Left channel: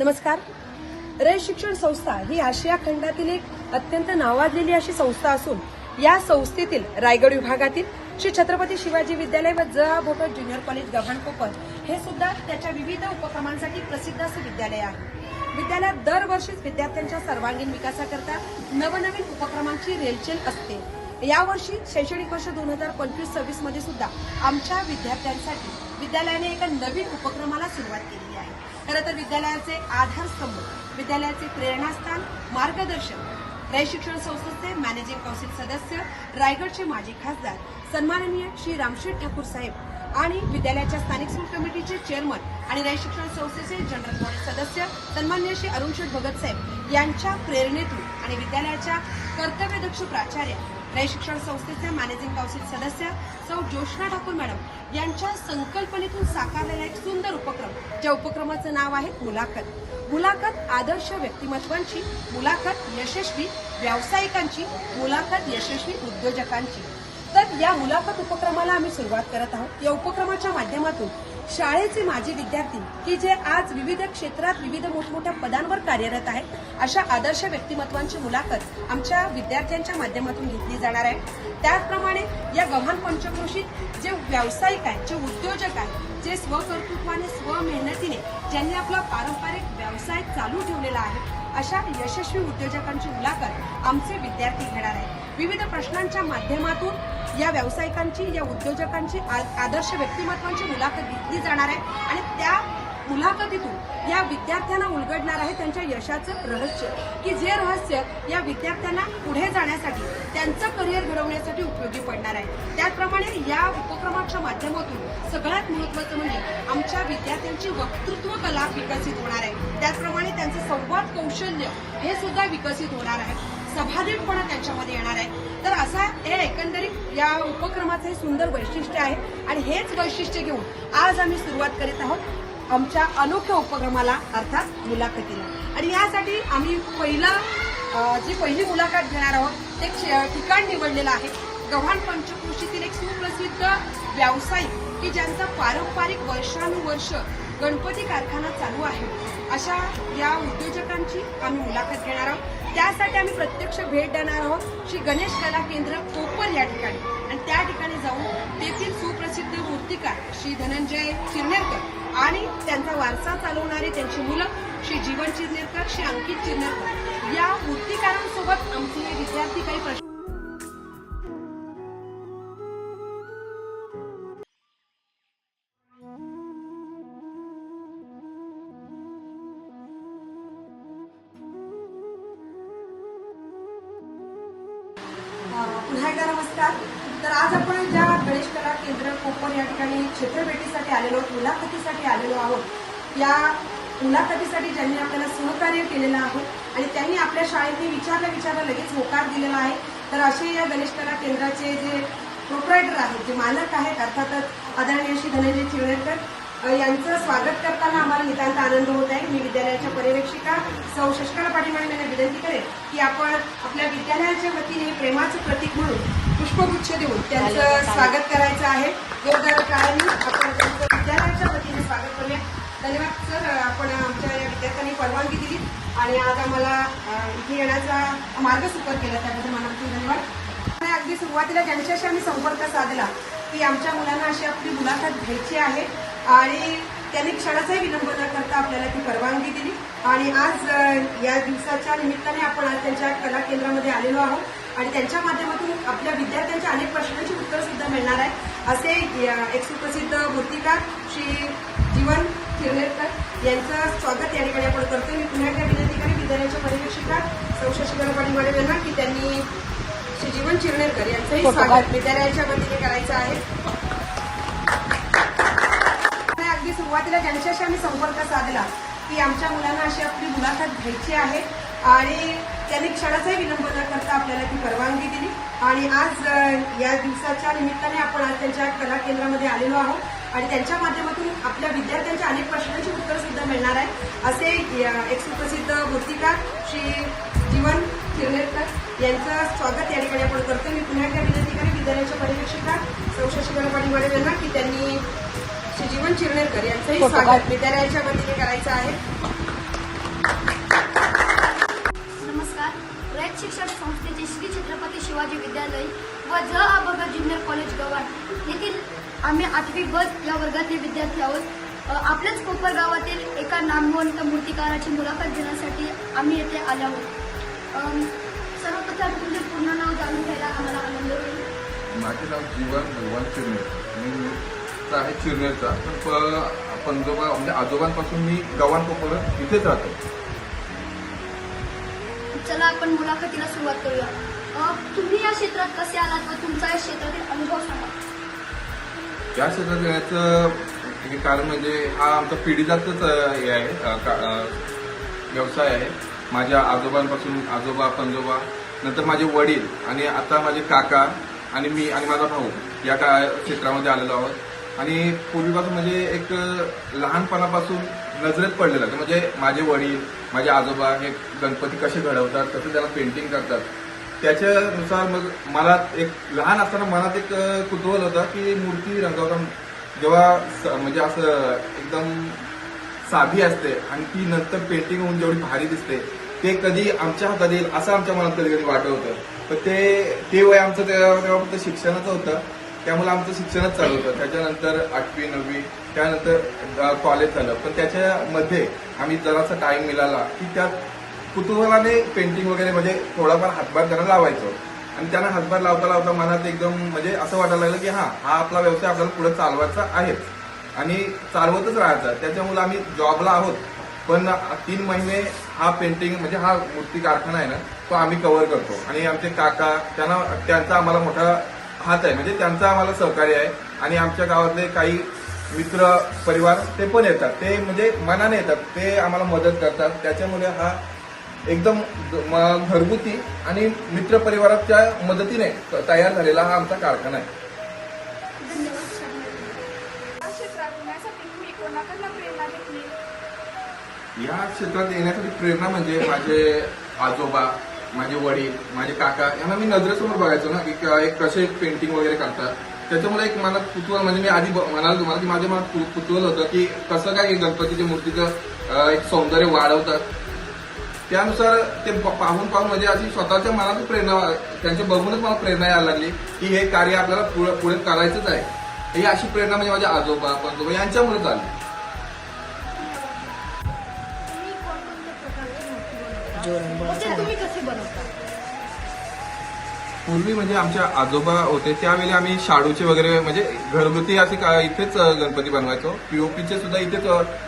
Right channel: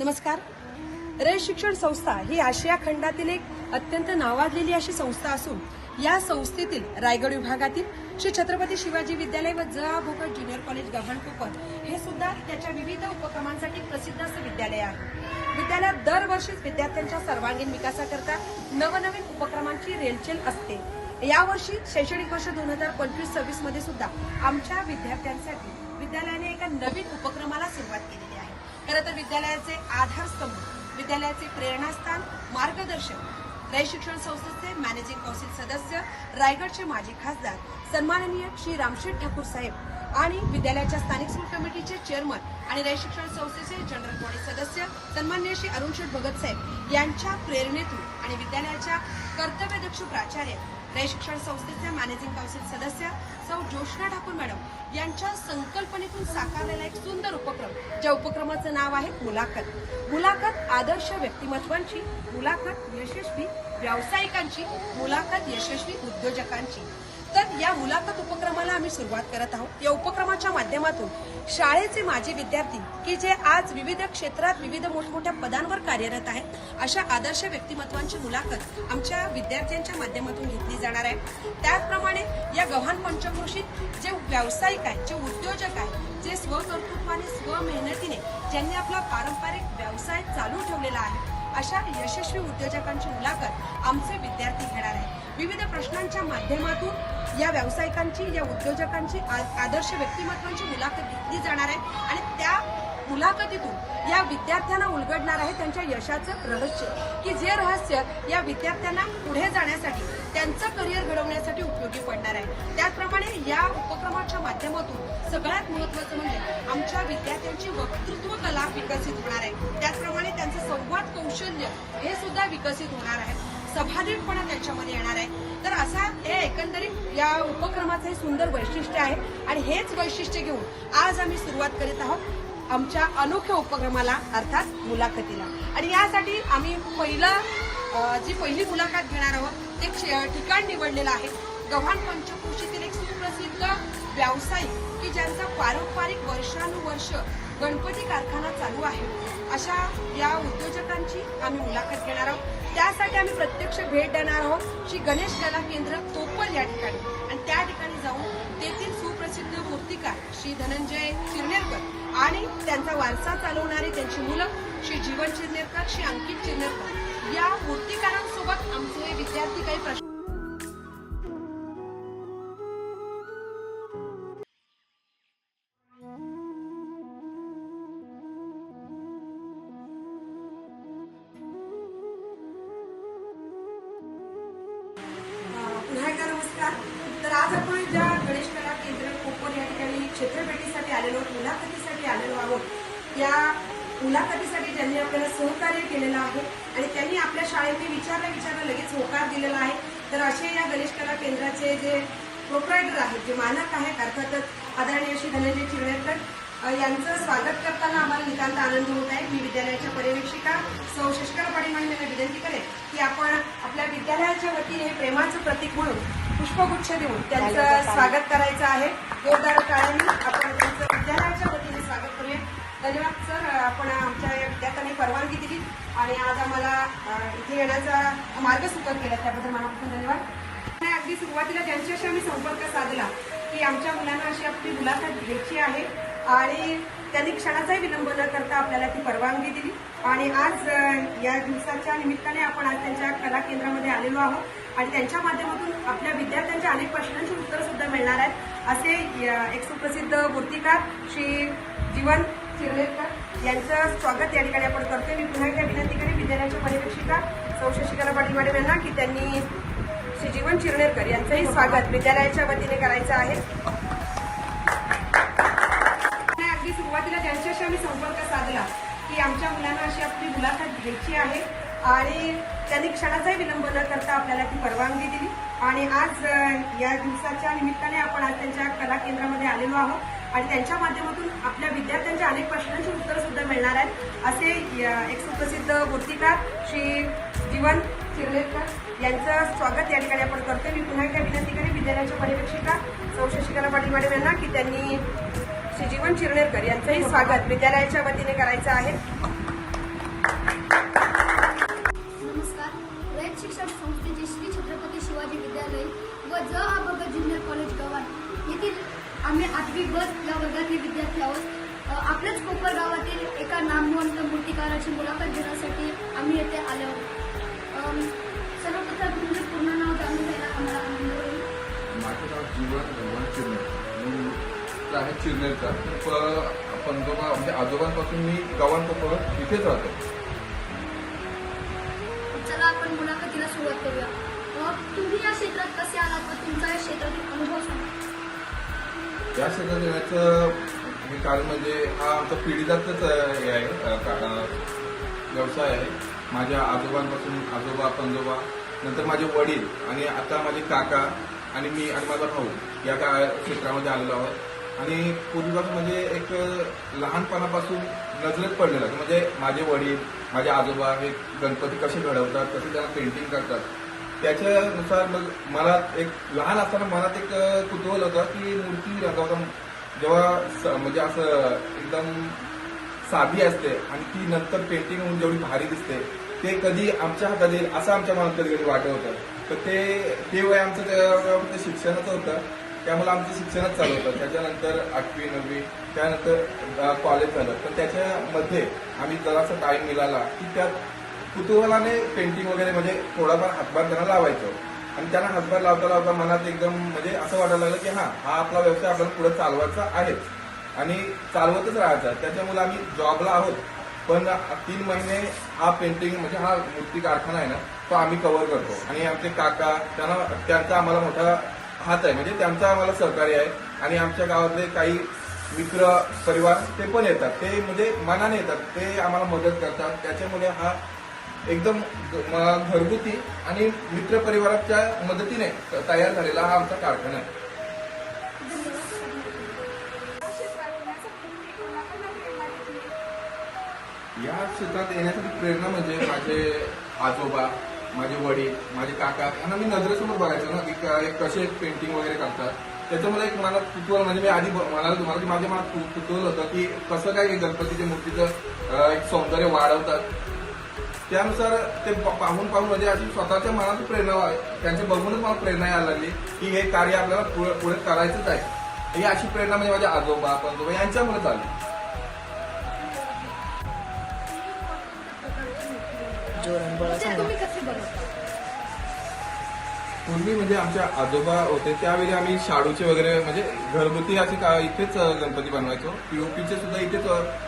नमस्कार. रय शिक्षण संस्था ही आशिया खंडातील एक अत्यंत नावाजलेली अशी संस्था असून या संस्थेतील रायगड विभागातील श्री छत्रपती शिवाजी विद्यालय व ज. भोकर ज्युनियर कॉलेज गव्हाण कोपर हे सुद्धा त्याच्या विविध उपक्रमांसाठी प्रसिद्ध असं विद्यालय आहे. विद्यालयात दरवर्षीच विद्यार्थ्यांच्या सर्वांगीण विकासाकरता नवनवीन उपक्रमांची रेलचेल असते. यावर्षी शैक्षणिक वर्ष दोन हजार पंचवीस सव्वीसमध्ये सुद्धा आमच्या विद्यार्थ्यांसाठी विद्यालयाने एका नवीन उपक्रमाला सुरुवात केली. खरं तर विद्यालयाचे आधारस्तंभ विद्यालयाचे प्रेरणास्थान मार्गदर्शक रय शिक्षण संस्थेचे मॅनेजिंग कौन्सिल सदस्य रायगडचे माजी खासदार सन्माननीय श्री रामशेठ ठाकूर साहेब आणि विद्यालयाच्या स्थानिक स्कूल कमिटीचे चेअरमन आणि रय शिक्षण संस्थेचे जनरल बॉडी सदस्य सन्माननीय श्री अरुणशेठ भगत साहेब यांच्या प्रेरणेतून आणि विद्यालयाच्या कर्तव्यदक्ष प्राचार्य रय शिक्षण संस्थेचे मॅनेजिंग कौन्सिल सदस्य सौ जोशना ठाकूर मॅडम यांच्या संकल्पनेतून साकारलेला एक सुंदर ज्या उपक्रमाचं नाव आहे मुलाखत. मुलाखत आदर्श व्यक्तिमत्वांची मुलाखत यशस्वी व्यावसायिकांची मुलाखत यशस्वी उद्योजकांची. तर या मुलाखत उपक्रमाला आम्ही सुरुवात करत आहोत. या उपक्रमाच्या माध्यमातून शाळेचे माजी विद्यार्थी की जे आज विविध क्षेत्रात विविध मोठमोठ्या पदांवर कार्यरत आहेत अशा आदर्श व्यक्तिमत्वांची मुलाखत आमच्या विद्यार्थ्यांच्या माध्यमातून घेतली जाणार आहे. त्याचप्रमाणे या गव्हाण पंचक्रोशीत जे व्यावसायिक आहेत जे उद्योजक आहेत जे स्वकर्तृत्वाने स्वमेहनतीने ज्यांनी आपला पारंपरिक व्यवसाय चालू ठेवलेला आहे अशा यशस्वी उद्योजकांची मुलाखत आमचे विद्यार्थी घेणार आहेत. विविध प्रश्नांच्या माध्यमातून या व्यावसायिकांची या उद्योजकांची आदर्श व्यक्तिमत्वांची मुलाखत घेतली जाणार आहे आणि त्या मुलाखतीतून या विद्यार्थ्यांना उलगडणार आहे त्यांच्या यशाचं रहस्य. की जे रहस्य या विद्यार्थ्यांना पुढे जाण्यासाठी त्यांचं करिअर घडवण्यासाठी उपयोगी पडणार आहे. त्याचप्रमाणे या उपक्रमाच्या माध्यमातून सगळ्यात महत्वाचं म्हणजे आमच्या विद्यार्थ्यांची वक्तृत्व कला विकसित होणार आहे. त्याचप्रमाणे त्यांचं संवाद कौशल्य हे सुद्धा विकसित होणार आहे. सभानेटपणा त्यांच्यामध्ये येणार आहे. तर असा हे एकंदरीत या उपक्रमाचं हे सुंदर वैशिष्ट्य आहे. आणि हेच वैशिष्ट्य घेऊन आज आम्ही सुरुवात करीत आहोत. आमच्या अनोख्या उपक्रमाला अर्थात मुलाखतीला. आणि यासाठी आम्ही पहिला जी पहिली मुलाखत घेणार आहोत ते ठिकाण निवडलेलं आहे. गव्हाण पंचक्रोशीतील एक सुप्रसिद्ध व्यावसायिक की ज्यांचा पारंपरिक वर्षानुवर्ष गणपती कारखाना चालू आहे अशा या उद्योजकांची आम्ही मुलाखत घेणार आहोत. त्यासाठी आम्ही प्रत्यक्ष भेट देणार आहोत श्री गणेश कला केंद्र कोपर या ठिकाणी. आणि त्या ठिकाणी जाऊन तेथील सुप्रसिद्ध मूर्तिकार श्री धनंजय चिरनेरकर आणि त्यांचा वारसा चालवणारी त्यांची मुलं श्री जीवन चिरनेरकर श्री अंकित चिरनेरकर या मूर्तिकारांसोबत आमचे विद्यार्थी काही प्रश्न क्षेत्रभेटीसाठी आलेलो आहोत मुलाखतीसाठी आलेलो आहोत. या मुलाखतीसाठी ज्यांनी आपल्याला सहकार्य केलेलं आहे आणि त्यांनी आपल्या शाळेने विचारला विचारला लगेच होकार दिलेला आहे. तर असे या गणेश कला केंद्राचे जे प्रोप्रायटर आहेत जे मालक आहेत अर्थातच आदरणीय श्री धनंजय चिरवेरकर अ, यांचं स्वागत करताना आम्हाला नितांत आनंद होत आहे. मी विद्यालयाच्या पर्यवेक्षिका सौ शशिकला पाटील यांना विनंती करेन की आपण आपल्या विद्यालयाच्या वतीने प्रेमाचं प्रतीक म्हणून पुष्पगुच्छ देऊन त्यांचं स्वागत करायचं आहे. जोरदार काळांनी आपण त्यांचं विद्यालयाच्या वतीने स्वागत करूया. धन्यवाद सर. आपण आमच्या या विद्यार्थ्यांनी परवानगी दिली आणि आज आम्हाला इथे येण्याचा मार्ग सुकर केला त्याबद्दल मनापासून धन्यवाद. अगदी सुरुवातीला ज्यांच्याशी आम्ही संपर्क साधला की आमच्या मुलांना अशी आपली मुलाखत घ्यायची आहे आणि त्यांनी क्षणाचाही विलंब न करता आपल्याला ती परवानगी दिली. आणि आज या दिवसाच्या निमित्ताने आपण आज त्यांच्या कला केंद्रामध्ये आलेलो आहोत आणि त्यांच्या माध्यमातून आपल्या विद्यार्थ्यांच्या अनेक प्रश्नांची उत्तर सुद्धा मिळणार आहेत. असे एक सुप्रसिद्ध मूर्तिकार श्री जीवन चिरनेरकर यांचं स्वागत या ठिकाणी आपण करतोय. मी पुन्हा एकदा विनंती करेन विद्यालयाच्या पर्यवेक्षिका सौ शशिकला पाटील मॅडम यांना की त्यांनी श्री जीवन चिरनेरकर यांचंही स्वागत विद्यालयाच्या वतीने करायचं आहे. अगदी सुरुवातीला ज्यांच्याशी आम्ही संपर्क साधला की आमच्या मुलांना अशी आपली मुलाखत घ्यायची आहे आणि त्यांनी क्षणाचाही विलंब न करता आपल्याला ती परवानगी दिली. आणि आज या दिवसाच्या निमित्ताने आपण आज त्यांच्या कला केंद्रामध्ये आलेलो आहोत. आणि त्यांच्या माध्यमातून आपल्या विद्यार्थ्यांच्या अनेक प्रश्नांची उत्तर सुद्धा मिळणार आहेत. असे एक सुप्रसिद्ध मूर्तिकार श्री जीवन चिरनेरकर यांचं स्वागत या ठिकाणी आपण करतोय. मी पुन्हा एकदा विनंती करेन विद्यालयाच्या पर्यवेक्षिका सौ शशिकला पाटील मॅडम यांना की त्यांनी श्री जीवन चिरनेरकर यांचंही स्वागत विद्यालयाच्या वतीने करायचं आहे. शिक्षण संस्थेचे श्री छत्रपती शिवाजी विद्यालय व ज आ ज्युनियर कॉलेज गव्हाण. येथील आम्ही आठवी ब या वर्गातील विद्यार्थी आहोत. आपल्याच कोपर गावातील एका नामवंत मूर्तिकाराची मुलाखत घेण्यासाठी आम्ही येथे आलो आहोत. सर्वप्रथम तुमचे पूर्ण नाव जाणून घ्यायला आम्हाला आनंद होईल. माझे नाव जीवन भगवान चिरनेर. आहे चिरनेरचा. तर पंजोबा म्हणजे आजोबांपासून मी गव्हाण कोपर इथेच राहतो. आपण मुलाखतीला सुरुवात करूया. तुम्ही या क्षेत्रात कसे आलात व तुमचा या क्षेत्रातील अनुभव सांगा. या क्षेत्रात येण्याचं हे कारण म्हणजे हा आमचा पिढीजातच हे आहे का- व्यवसाय आहे. माझ्या आजोबांपासून आजोबा पंजोबा नंतर माझे वडील आणि आता माझे काका आणि मी आणि माझा भाऊ या का क्षेत्रामध्ये आलेलो आहोत. आणि पूर्वीपासून म्हणजे एक लहानपणापासून नजरेत पडलेलं आहे. म्हणजे माझे वडील माझे आजोबा हे गणपती कसे घडवतात कसे त्याला पेंटिंग करतात त्याच्यानुसार मग मला एक लहान असताना मनात एक कुतूहल होतं की मूर्ती रंगवता जेव्हा स- म्हणजे असं एकदम साधी असते आणि ती नंतर पेंटिंग होऊन जेवढी भारी दिसते ते कधी आमच्या हातात येईल असं आमच्या मनात कधी कधी वाटत होतं. तर ते ते वय आमचं शिक्षणाचं होतं. त्यामुळे आमचं शिक्षणच चालू होतं. त्याच्यानंतर आठवी नववी त्यानंतर कॉलेज झालं. पण त्याच्यामध्ये आम्ही जरासा टाईम मिळाला की त्यात कुतूहलाने पेंटिंग वगैरे म्हणजे थोडाफार हातभार त्यांना लावायचो. आणि त्यांना हातभार लावता लावता मनात एकदम म्हणजे असं वाटायला लागलं की हा हा आपला व्यवसाय आपल्याला पुढे चालवायचा आहे. आणि चालवतच राहायचा. त्याच्यामुळे आम्ही जॉबला आहोत. पण तीन महिने हा पेंटिंग म्हणजे हा मूर्ती कारखाना आहे ना तो आम्ही कव्हर करतो. आणि आमचे काका त्यांना त्यांचा आम्हाला मोठा हात आहे. म्हणजे त्यांचा आम्हाला सहकार्य आहे. आणि आमच्या गावातले काही मित्र परिवार ते पण येतात. ते म्हणजे मनाने येतात. ते आम्हाला मदत करतात. त्याच्यामुळे हा एकदम घरगुती आणि मित्र परिवाराच्या मदतीने तयार झालेला हा आमचा कारखाना आहे. या क्षेत्रात येण्यासाठी प्रेरणा म्हणजे माझे आजोबा माझे वडील माझे काका यांना मी नजरेसमोर बघायचो ना की एक कसे पेंटिंग वगैरे करतात. त्याच्यामुळे एक मला कुतूहल म्हणजे मी आधी ब- म्हणाल तुम्हाला की माझ्या मनात कुतूहल होतं की कसं काय गणपतीच्या मूर्तीचं एक सौंदर्य वाढवतात. त्यानुसार ते पाहून पाहून म्हणजे अशी स्वतःच्या मनात प्रेरणा त्यांच्या बघूनच मला प्रेरणा यायला लागली की हे कार्य आपल्याला पुढे पुढे करायचंच आहे. ही अशी प्रेरणा म्हणजे माझ्या आजोबा पंजोबा यांच्यामुळे चालली तुम्ही कसे बनवता? पूर्वी म्हणजे आमच्या आजोबा होते त्यावेळी आम्ही शाडूचे वगैरे म्हणजे घरगुती असे का- इथेच गणपती बनवायचो. पीओपीचे सुद्धा इथेच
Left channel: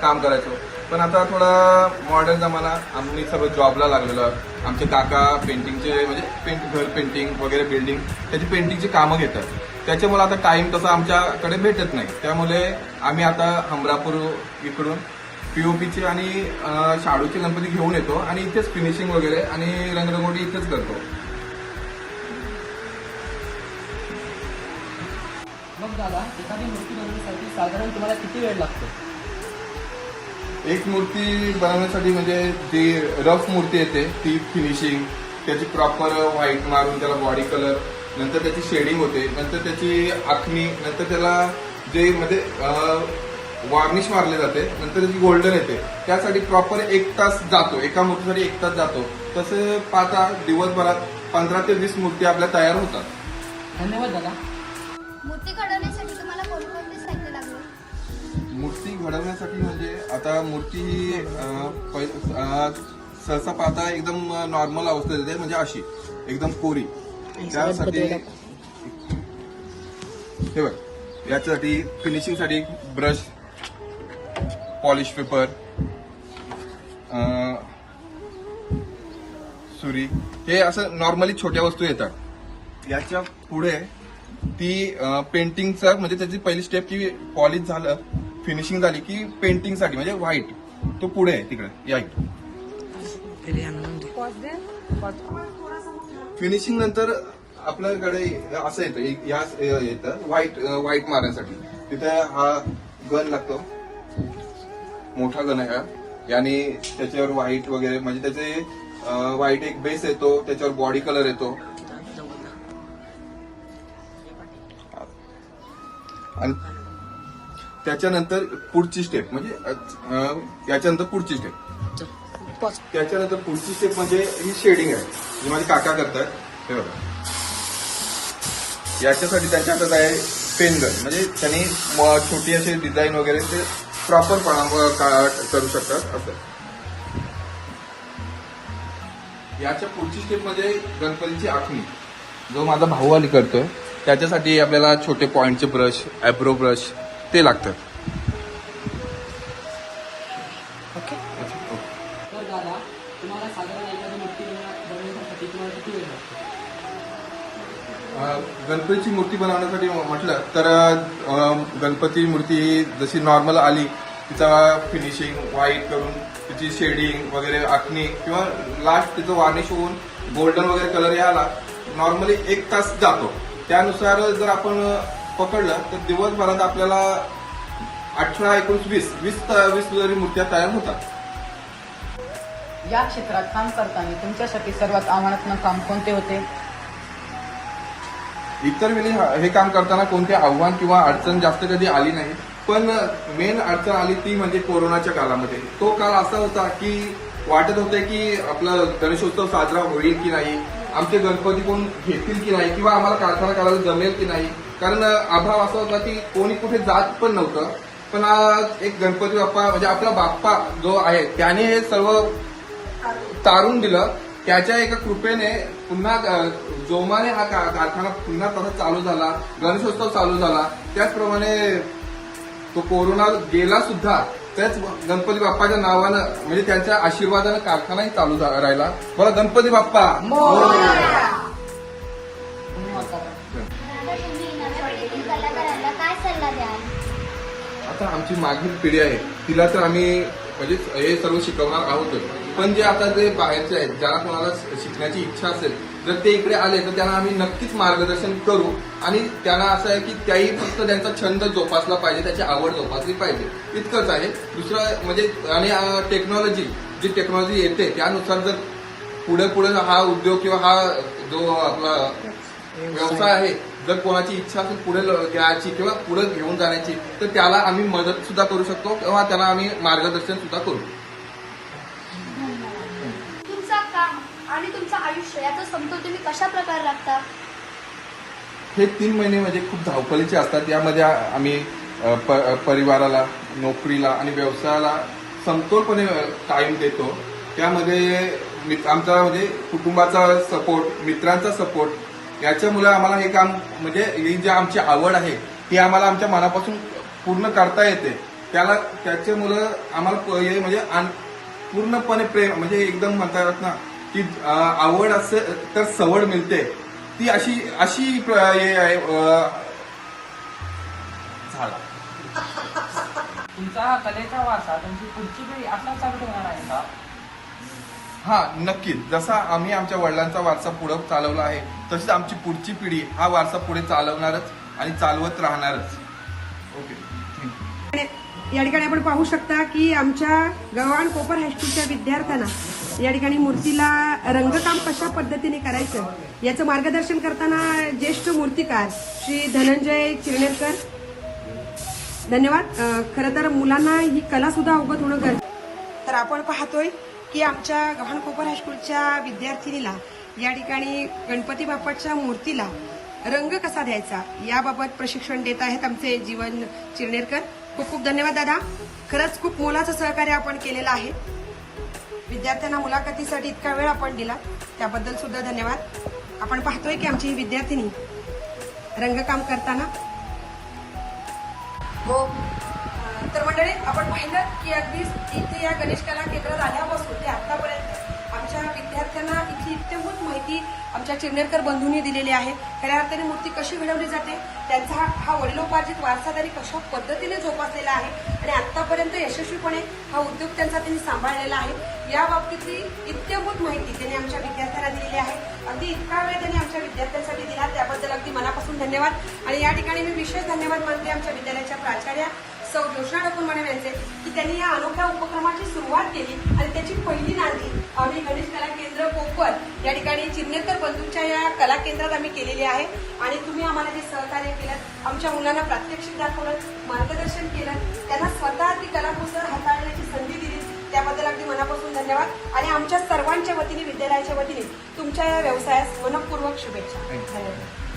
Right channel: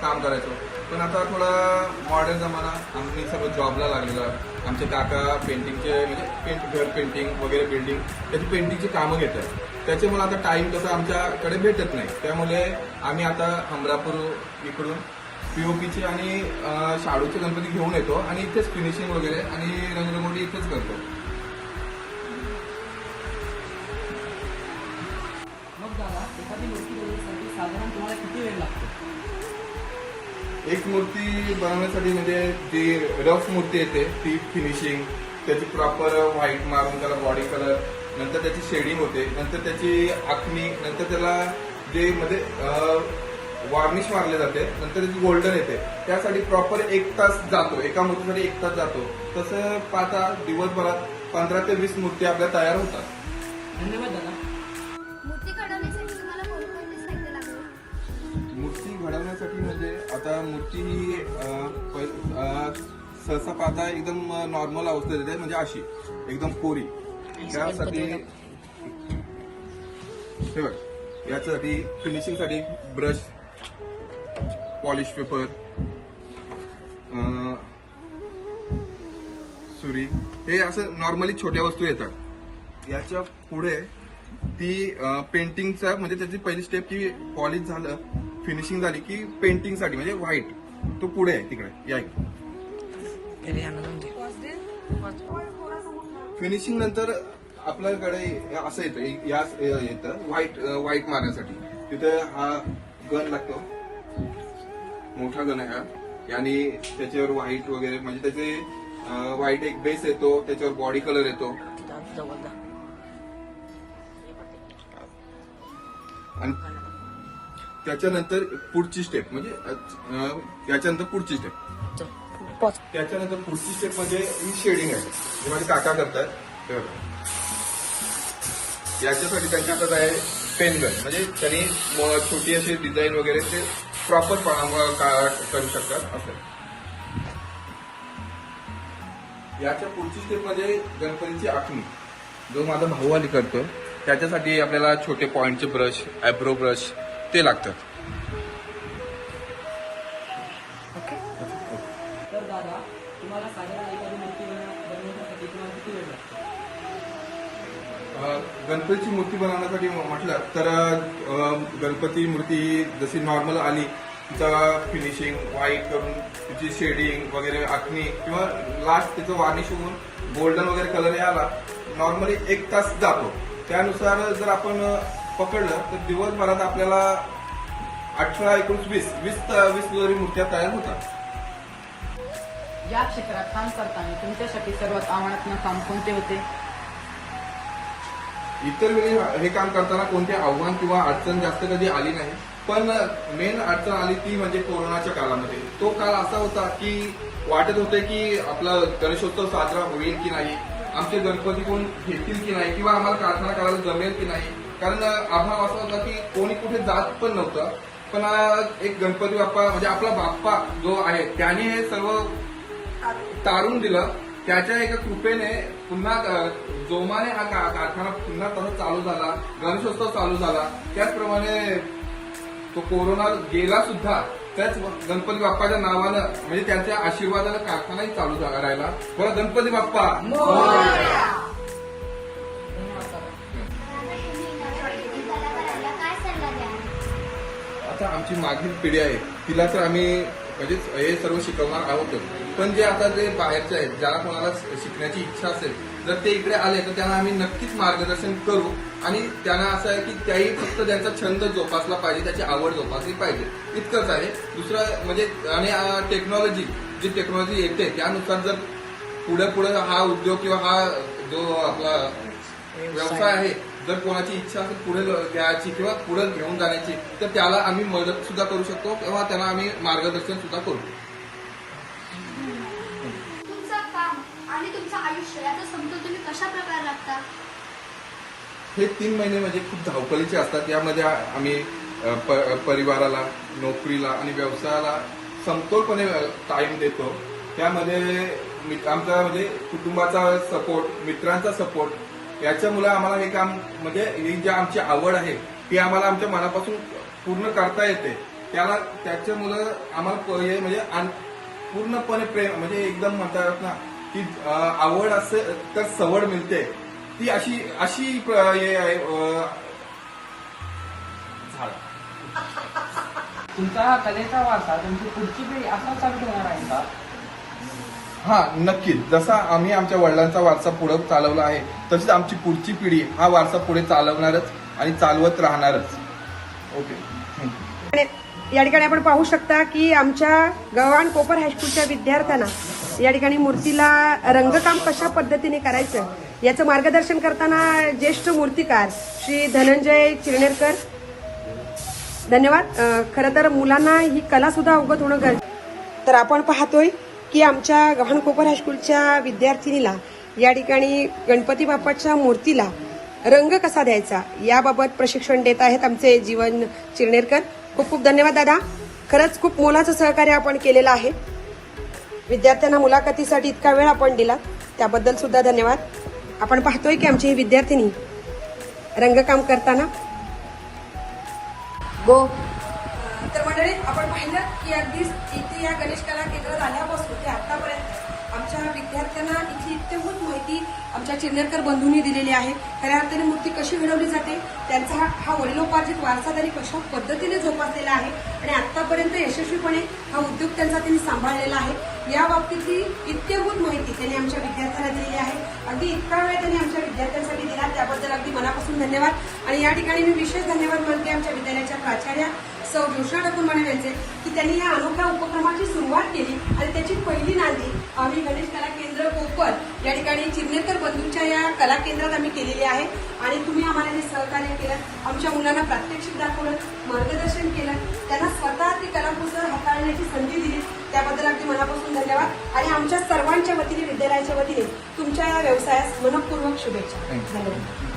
काम करायचो. पण आता थोडा मॉडर्न जमाना आम्ही सगळं जॉबला लागलेलो. आमचे काका पेंटिंगचे म्हणजे पेंट घर पेंटिंग वगैरे बिल्डिंग त्याची पेंटिंगची कामं घेतात. त्याच्यामुळे आता टाइम तसा आमच्याकडे भेटत नाही. त्यामुळे आम्ही आता हमरापूर इकडून पीओपीचे आणि शाडूचे गणपती घेऊन येतो आणि इथेच फिनिशिंग वगैरे आणि रंगरंगोटी इथेच करतो. मग दादा एखादी मूर्ती बनवण्यासाठी साधारण तुम्हाला किती वेळ लागतो? एक मूर्ती बनवण्यासाठी म्हणजे जी रफ मूर्ती येते ती फिनिशिंग त्याची प्रॉपर व्हाईट मारून त्याला बॉडी कलर नंतर त्याची शेडिंग होते नंतर त्याची आखणी नंतर त्याला जे म्हणजे वार्निश मारले जाते नंतर त्याची गोल्डन येते. त्यासाठी प्रॉपर एक तास जातो एका मूर्तीसाठी एक तास जातो. तसं पाहता दिवसभरात पंधरा ते वीस मूर्ती आपल्या तयार होतात. धन्यवाद दादा. मूर्ती घडवण्यासाठी तुम्हाला कोणकोणते साहित्य लागले? मूर्ती घडवण्यासाठी म्हणजे आता मूर्ती ही अं, पै- अं, सहसा पाहता एकदम नॉर्मल अवस्थेत येते म्हणजे अशी एकदम कोरी. त्यासाठी हे बघ याच्यासाठी फिनिशिंगसाठी ब्रश पॉलिश पेपर सुरी हे असं नॉर्मली छोट्या वस्तू येतात. याच्यापुढे ती पेंटिंगचा म्हणजे त्याची पहिली स्टेप की पॉलिश झालं फिनिशिंग झाली की पेंटिंगसाठी म्हणजे व्हाईट तो पुढे आहे तिकडे. या फिनिशिंग नंतर आपल्याकडे असं येतं एक या येतं व्हाईट व्हाईट मारण्यासाठी. तिथे हा गन लागतो. मोठा गन आहे याने त्याच्यावर व्हाईट वगैरे म्हणजे त्याचे व्हाईट एक बेस येतो त्याच्यावर बॉडी कलर येतो. आणि त्याच्यानंतर पुढची स्टेप म्हणजे याच्यानंतर पुढची स्टेप त्याच्यानंतर पुढची स्टेप म्हणजे ही शेडिंग आहे. जी माझे काका करतात याच्यासाठी त्यांच्या आहे पेनगन म्हणजे त्यांनी छोटी असे डिझाईन वगैरे ते प्रॉपर करू शकतात असं. याच्या पुढची स्टेपमध्ये गणपतीची आखणी. जो माझा भाऊ आली करतो त्याच्यासाठी आपल्याला छोटे पॉईंटचे ब्रश ॲब्रो ब्रश ते लागतात. गणपतीची मूर्ती बनवण्यासाठी म्हटलं तर गणपती मूर्ती ही जशी नॉर्मल आली तिचा फिनिशिंग व्हाईट करून तिची शेडिंग वगैरे आखणी किंवा लास्ट तिचं वार्निश होऊन गोल्डन वगैरे कलर यायला नॉर्मली एक तास जातो. त्यानुसार जर आपण पकडलं तर दिवसभरात आपल्याला अठरा एकोणीस वीस वीस वीस जरी मूर्त्या तयार होतात. या क्षेत्रात काम करताना तुमच्यासाठी सर्वात आव्हानात्मक काम कोणते होते? इतर वेळी हे काम करताना कोणते आव्हान किंवा अडचण जास्त कधी आली नाही. पण मेन अडचण आली ती म्हणजे कोरोनाच्या काळामध्ये. तो काळ असा होता की वाटत होते की आपला गणेशोत्सव साजरा होईल की नाही आमचे गणपती कोण घेतील की नाही किंवा आम्हाला कारखाना करायला जमेल की नाही. कारण अभाव असा होता की कोणी कुठे जात पण नव्हतं. पण आज एक गणपती बाप्पा म्हणजे आपला बाप्पा जो आहे त्याने हे सर्व तारून दिलं. त्याच्या एका कृपेने पुन्हा जोमाने हा का- कारखाना पुन्हा तसा चालू झाला गणेशोत्सव चालू झाला. त्याचप्रमाणे तो कोरोना गेला सुद्धा त्याच गणपती बाप्पाच्या नावानं म्हणजे त्यांच्या आशीर्वादानं कारखानाही चालू राहिला. बरं गणपती बाप्पा. आता आमची मागील पिढी आहे. तिला तर आम्ही म्हणजे हे सर्व शिकवणार आहोतच पण जे आता जे बाहेरचे आहेत ज्यांना कोणाला शिकण्याची इच्छा असेल जर ते इकडे आले तर त्यांना आम्ही नक्कीच मार्गदर्शन करू. आणि त्यांना असं आहे की त्याही फक्त त्यांचा छंद जोपासला पाहिजे त्याची आवड जोपासली पाहिजे. इतकंच आहे. दुसरं म्हणजे आणि टेक्नॉलॉजी जी टेक्नॉलॉजी येते त्यानुसार जर पुढे पुढे हा उद्योग किंवा हा जो आपला व्यवसाय आहे जर कोणाची इच्छा असेल पुढे घ्यायची किंवा पुढे घेऊन जाण्याची तर त्याला आम्ही मदत सुद्धा करू शकतो किंवा त्यांना आम्ही मार्गदर्शन सुद्धा करू. तुमचं काम आणि तुमचं आयुष्य याचा समतोल तुम्ही कशा प्रकारे लागता हे तीन महिने म्हणजे खूप धावपळीचे असतात. यामध्ये आम्ही प- परिवाराला नोकरीला आणि व्यवसायाला समतोलपणे टाइम देतो. त्यामध्ये मित- आमचा म्हणजे कुटुंबाचा सपोर्ट मित्रांचा सपोर्ट याच्यामुळे आम्हाला हे काम म्हणजे ही जी आमची आवड आहे ती आम्हाला आमच्या मनापासून पूर्ण करता येते. त्याला त्याचे मुलं आम्हाला प- हे म्हणजे पूर्णपणे प्रेम म्हणजे एकदम म्हणता ना की आवड असे तर सवड मिळते. ती अशी अशी प्र- हे आहे तुमचा कलेचा वारसा तुमची पुढची पिढी असा चालू ठेवणार आहे का? हा नक्कीच जसा आम्ही आमच्या वडिलांचा वारसा पुढे चालवला आहे तशीच आमची पुढची पिढी हा वारसा पुढे चालवणारच आणि चालवत राहणारच. ओके. आणि या ठिकाणी आपण पाहू शकता की आमच्या गव्हाण कोपर हायस्कूलच्या विद्यार्थ्यांना या ठिकाणी मूर्तीला रंगकाम कशा पद्धतीने करायचं याचं मार्गदर्शन करताना ज्येष्ठ मूर्तिकार श्री धनंजय चिरणेरकर धन्यवाद. खरं तर मुलांना ही कला सुद्धा अवगत होणं गरजेचं तर आपण पाहतोय की आमच्या गव्हाण कोपर हायस्कूलच्या विद्यार्थिनीला या ठिकाणी गणपती बाप्पाच्या मूर्तीला रंग कसा द्यायचा याबाबत प्रशिक्षण देत आहेत आमचे जीवन चिरनेरकर. खूप खूप धन्यवाद दादा. खरंच खूप मोलाचं सहकार्य आपण केलेलं आहे. विद्यार्थ्यांना मुलाखतीसाठी इतका वेळ आपण दिला त्याबद्दल सुद्धा धन्यवाद. आपण पाहतोय की आमची ही विद्यार्थिनी रंगकाम करताना. गो तर मंडळी आपण पाहिलं की अगदी इथे या गणेश कला केंद्र झाल्यावर असताना इथली इत्यंभूत माहिती आमच्या चिरनेरकर बंधूंनी दिलेली आहे. खऱ्या अर्थाने मूर्ती कशी घडवली जाते त्यांचा हा- वडिलोपार्जित वारसा त्यांनी कशा पद्धतीने जोपासलेला आहे आणि आतापर्यंत यशस्वीपणे हा उद्योग त्यांचा त्यांनी सांभाळलेला आहे या बाबतीतली इत्यंभूत माहिती त्यांनी आमच्या विद्यार्थ्यांना दिलेली आहे. अगदी इतका वेळ त्यांनी आमच्या विद्यार्थ्यांसाठी दिला त्याबद्दल अगदी मनापासून धन्यवाद. आणि या ठिकाणी मी विशेष धन्यवाद मानते आमच्या विद्यालयाच्या प्राचार्या सौ जोशना ठाकूर यांचे की त्यांनी या अनोख्या उपक्रमाची सुरुवात केली आणि त्याची पहिली नांदी आम्ही गणेश कला केंद्र कोकण. या ठिकाणी चिरनेकर बंधूंच्या या कला केंद्रात आम्ही केलेली आहे. आणि तुम्ही आम्हाला हे सहकार्य केलं. आमच्या मुलांना प्रात्यक्षिक दाखवलं मार्गदर्शन केलं. त्यांना स्वतः ती कलाकुसर हाताळण्याची संधी दिली. त्याबद्दल अगदी मनापासून धन्यवाद. आणि आमच्या सर्वांच्या वतीने विद्यालयाच्या वतीने तुमच्या या व्यवसायास मनपूर्वक शुभेच्छा. धन्यवाद.